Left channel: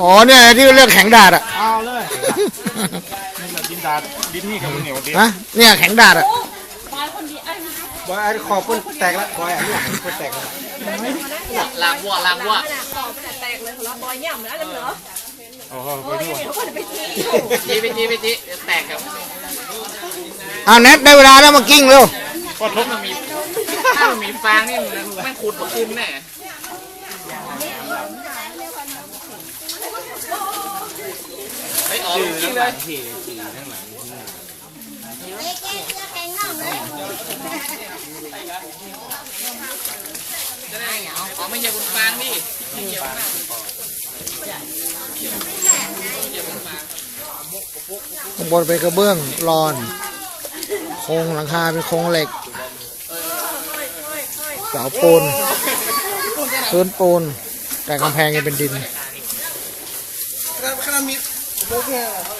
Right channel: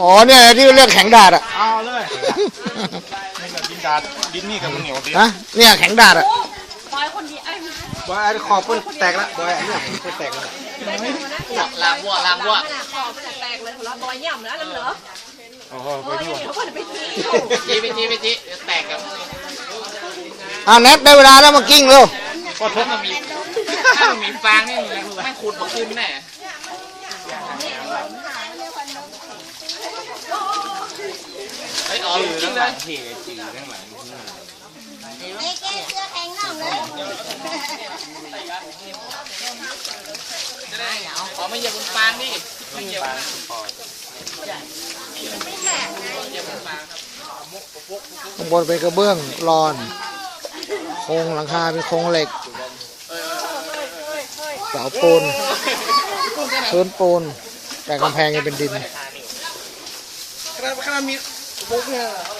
อ๋อเนี่ยที่เรียกแข็งดาดอะเอาเลยนี่แบบดินดาดดินนี่กับเหนียวดินฮะเนี่ยแข็งดาดอะบอยคนดีไอ้ไม่บอยไอ้ขอบคนแตกแล้วบอยคนแตกแล้วลางวัวลางวัวแตกเลยแล้วบอยย่ำนะน้ำเหนือโอ้โหไปดูจีไปจีไปจีแตกกับเอาแนทได้เวลาแล้วมากิ้งเร็วก็ทุบมันมีถ้ามันมีฟางนี่มันไม่ขุดมาขึ้นแน่ไป อ๋อจริงเลยอ๋อไม่เหยียบบนฟางนี่ไม่เหยียบข้างบนเป็นกระเบื้องรอน โครงหลังคาเป็นโครงเหล็ก เสาปูนพื้นปูนแต่กำแพงยังเป็นดินขนามีโ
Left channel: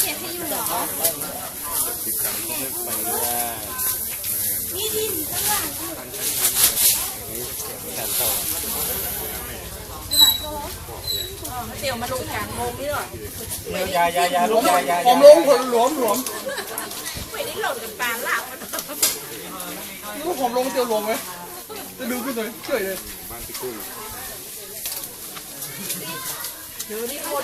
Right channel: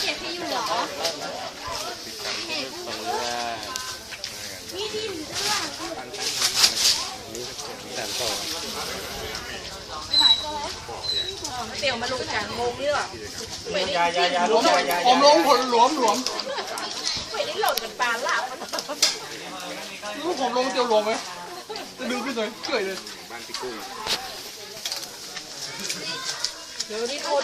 เจ็ดที่อยู่เหรอ เตี๋ยวมาลงแข่งโมงนี่หรอยายายาลูกยายาผมลงผลหลวมหลวมไม่ได้หล่นเป็นปลาลาบลูกผมลงเตียวหลวมไหมดูขึ้นเลยเฉยเลยบ้านพี่กุ้งเดี๋ยวนี้โคน